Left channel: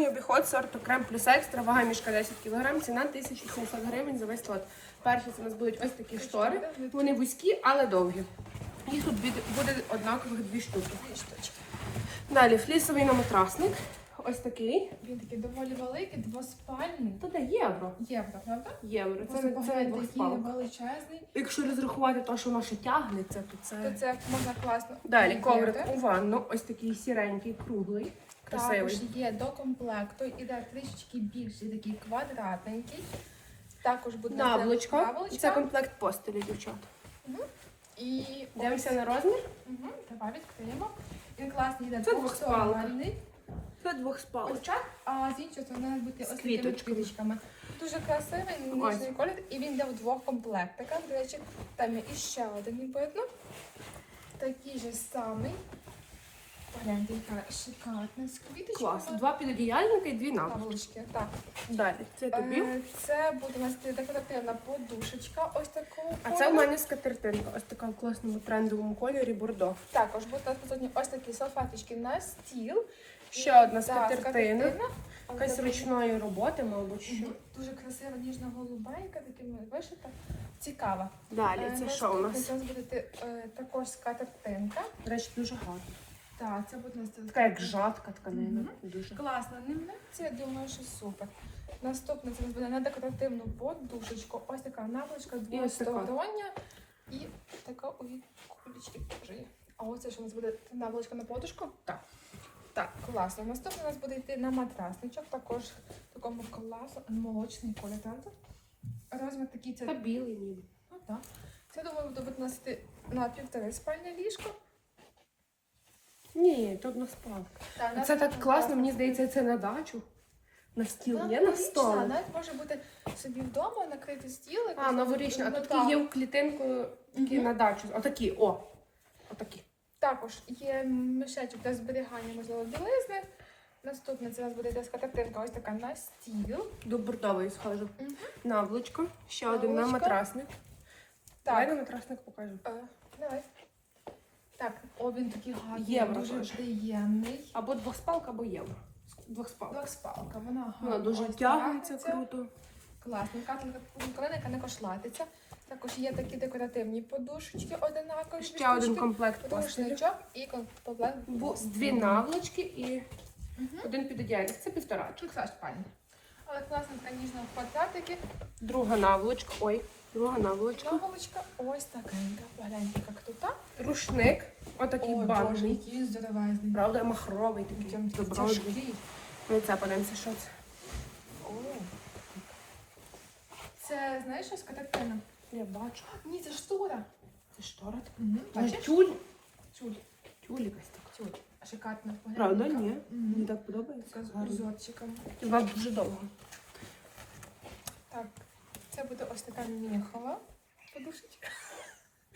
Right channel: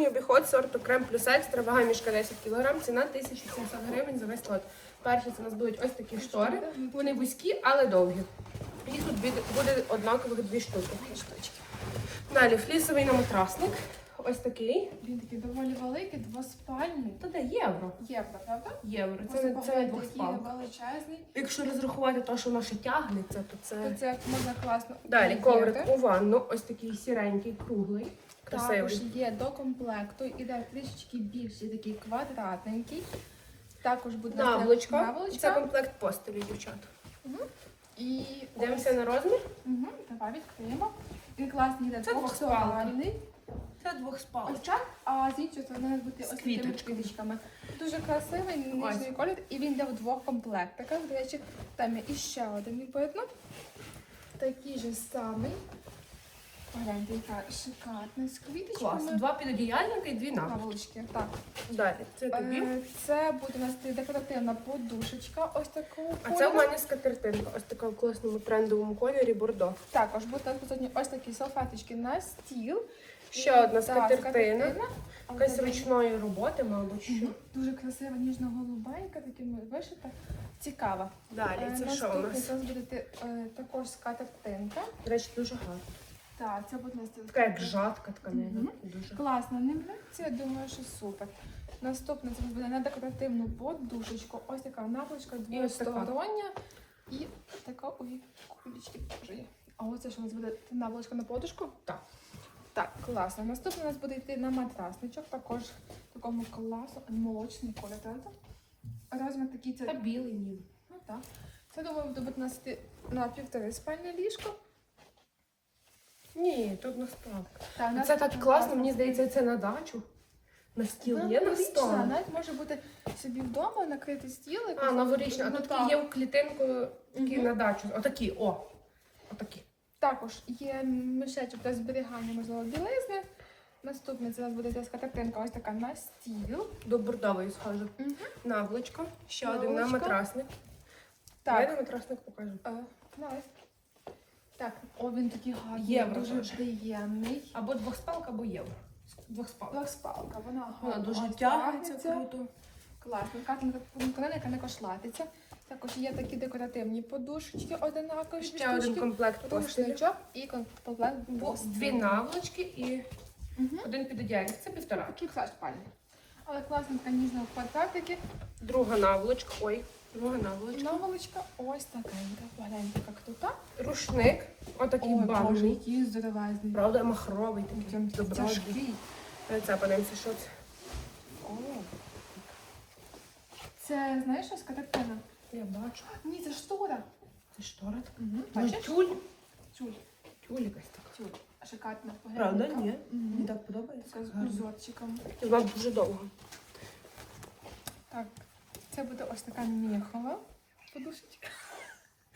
Домашній обіход сорту крем плюс екстра, вага мішка 10 кг, ціна 1700 гривень за весь лот. Перші це у нас будуть ось такі штори. Вони вузькі, але довгі. Їх тут буде- однакових дві штуки. Далі флісовий наматрасник. Ось такий. Він такий доволі великий, двоспальний. Та де євро. Євро, правда? Євро. Це, не- це не двохспалка. величезний. Якщо розрахувати те, що воно ще тягнеться, то То це. це можна класно. Далі коврик у ванну, ось такий сіренький, круглий, Також красивий. є до комплекту, іде трішечки більший, такий квадратненький. Також буде Наволочка. Це комплект постелі, дівчат. І Дивимося на розмір. Угу, давай відкриємо. Він класний йде Це двохспалка. двохспальний. Це двохспалка. Ось а з іншої сторони буде бути З ось такими квіточками. квіточками. Дуже красивий, Ось. ніжний колір, і він йде в двох комплектах. До речі, там є іще один він видно. Такий же самий. Погляньте, яка шикарна з квіточками. Клас. Два підодіяльника і дві наволочки. Наволочки, так. Далі. Це тобі. Е, Це буде у нас декоративна подушечка, ось такого А це кольору. у мене скатертинка, ось така в класному трендовому кольорі бордо. Також будуть у нас присутні ось такі салфеточки на стіл. Ще одна Так, скатертина. скатертина. Якась ручної роботи, мабуть. що. Дуже красива, ніжно-голубенька, такими вишита. Цікава. Далі, Е, це що у наступний нас? Це буде е, також скатертинка. До речі, дуже гарно. Так, це буде у нас Така як жатка тканина. Дуже. Класно, не я думаю, що супер. Наступне це буде на декоративну подушечку. Ось така наволочка двостороння. І така у кулечки теж є. А оце що у нас буде наволочка на подушку? Так. Так, класно. Наступне у нас буде йти на матрасничок, також в такому класно молочний колір, правда? Розмір такий це. Та білий ніби. Ну, так. Це думаю, буде бути на, сти- на півтори спальне ліжко. Ні, тут на спалка. Це так класно, мені здається, це на дачу. На стіл Вона є на новорічна, столі. Навіть може бути собі вдома накрити стіл. А, якось новорічна. А тут такі є в клітинку, такі Мгм. на дачу. Отакі, о. Отакі. Також є мішечок для зберігання, можливо, білизни. Наступне це у нас буде картинка ось така на стіл. До бордової схожу. Мгм. Наволочка. Ще один на Наволочка. матрасник. Давай на матрасник покажу. е, давай. Так, о, він такий гарний, Євро дуже теж. приємний. Або двохспалка, або євро. Двохспалка. Двохспалка, вона Вона гарно дуже ось тягнеться круто. Класно, яка не кошлатиться. Також є такі декоративні подушечки одинакові. Ще один комплект. Рушничок і комплект. Бо-. Дві наволочки і Мгм. один підодіяльник. Це півтора. Тут все спальня. Але класненька ніжного квадратики. Друга наволочка. Ой, друга наволочка. Наволочка ось такенька. Погляньте, як тут. Рушник. Отакий Ой, Боже, банний. який здоровезний. Правда, махровий такий. Прям тяжкий. На це подивимося, що це. Це, знаєш, щось картина? Я бачу. Ні, це штора. Це штора така. Угу. Може, тюль? Тюль. Тюль якась така. Тюль. Шикарно. Правда, ні. Мгм. Мені так подобається. Така з Гарно. узорчиком. Дуже довго. Так, це буде ось така міхова подушечка.